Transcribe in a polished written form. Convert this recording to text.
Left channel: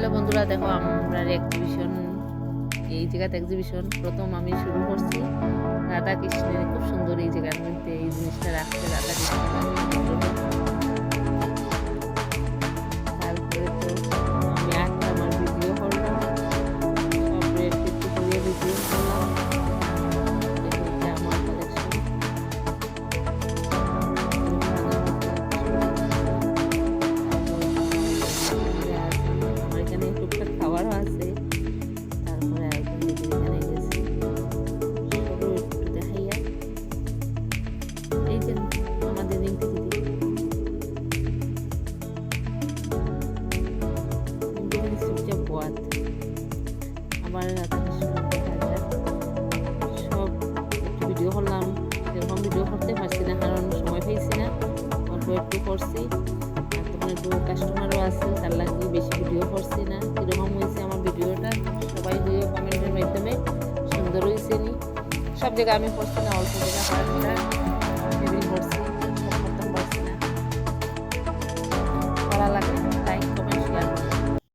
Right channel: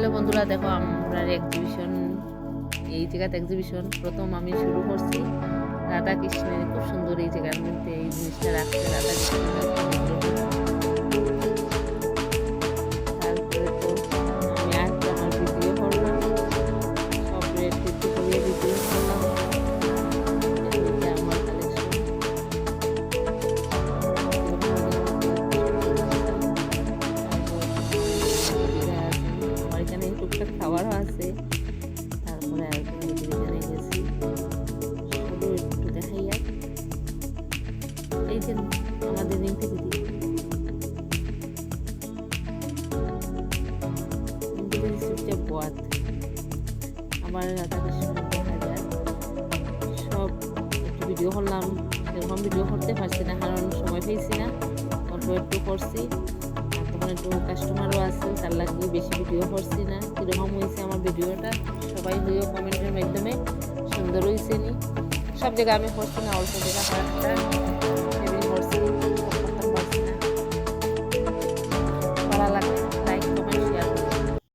Hello বন্ধুরা, দেখো আমরা এক্সিবিশন, এই জায়গাতে এক্সিবিশন প্রথম আমি শুরু করছি। রাধা কৃষ্ণের খুব সুন্দর এই জায়গার মধ্যে এই জিনিসটা রাখছে, রাধা কৃষ্ণের একটা বিগ্রহ। তারপরে তো আমি আমার ভিডিও করলাম, সব একটু একটু করে ভিডিও করলাম। এটা আমার কালেকশন, এখানে টুকটাক খাবারও আছে। তারপরে আরেকজন দিদির এখানে গেছি, সবও একটু দেখাইয়া। এই যে আমাদের রিম্পি দিদি, রিম্পি দিদি চুপচাপ বাদ। আবার রাধাকৃষ্ণ দেখা যায়, সব একটু ভিডিও করলাম। সেরকম ভিডিও করতে পারছি না, কারণ সময় পেয়েছি না, অল্প একটু করছি। আর তখন একটু কাস্টমারও আছে, তার লাগে বেশি ভিডিও করছি না। কীরকম হয়েছে আমার ভিডিওটা সবাই হয়েও কমেন্টের মাধ্যমে সুন্দর হয়েছে নি। সব জায়গায় আমি করছি না, অল্প জায়গা কয়েকটা টেবিল করছি, সব করতাম পারছি না। ভালো লাগলে লাইক কমেন্ট শেয়ার করে।